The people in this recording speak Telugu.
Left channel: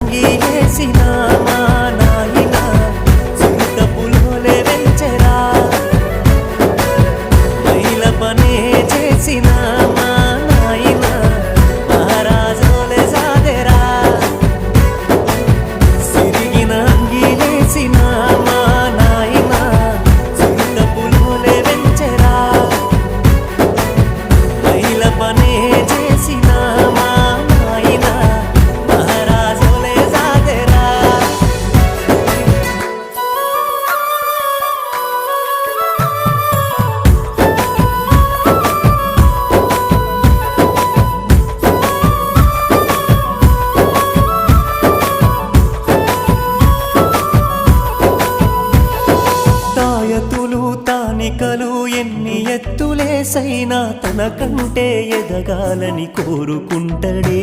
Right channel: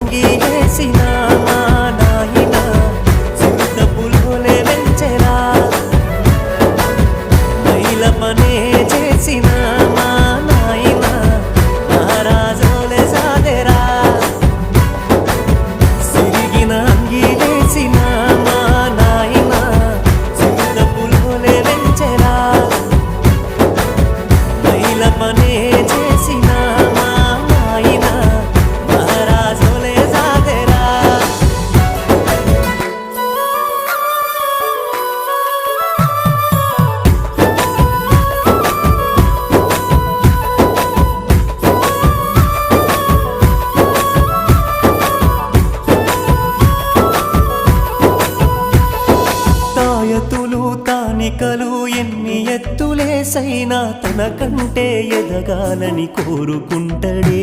గీసిన మా నాయన చింత పులోలే వెంచెరా మైల పనే చేసిన మా నాయన మహారాజోలే సాదెరా సిరిగిన అంగిలేసిన మా నాయన చింత పులోలే వెంచెరా మైల పనే చేసిన మా నాయన మహారాజోలే సాదెరా తాయతులు తానికలు ఎన్ని ఎత్తులేసైనా తనకంటే ఎదగాలని కోరుకుంటడే